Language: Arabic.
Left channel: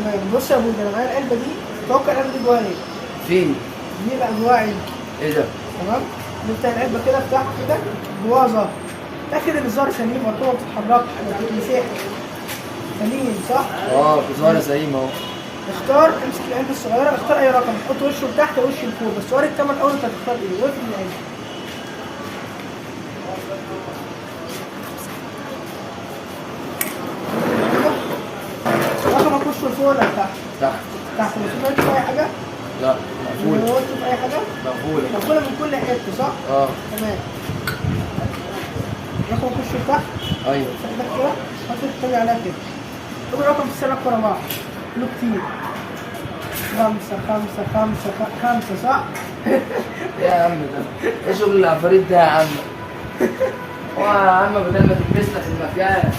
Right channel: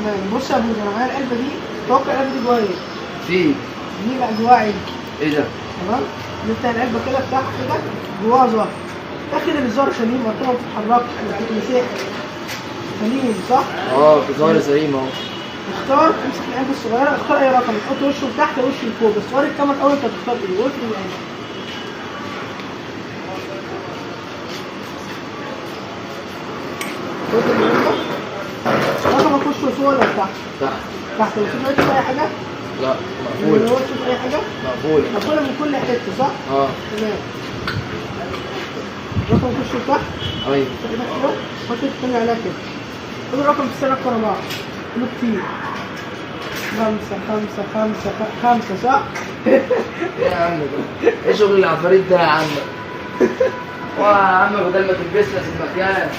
تمام. بص يا ابوي، انا معايا العلبه دي، توقع العلبه دي جواها ايه؟ في دي بقى جواها علبه. ايه ده؟ تمام. نفتح العلبه كده، افتحها كده، جواها زهر. اخر الزهر سليم، ما بتتحركش، ما بتتمسحش. سليم صح؟ اه بظهر سليم اهو. اختار، امسك العلبه الصغيره، اختار اي رقم، تحط وشه لتحت وشه لفوق، بس وري الكاميرا الاول انت هتختار ايه، واقفل العلبه. رقمك وشه لفوق ولا لتحت؟ تحت. تحت. وشوف اي حاجه؟ لا مقفولة. شوف اي حاجه؟ مقفولة. مقفوله من كل حته صح؟ اه. تمام. رقمك وشه لتحت؟ ايوه. حط التاني عليها كده. كل رقم في السنة أكتر بعض. كله كتير. 5 5 5 5 صح؟ ايه يا عم ده؟ ايه شغل العفاريت ده يا عم؟ هو يا عم بدل ما تلبسنا في المكان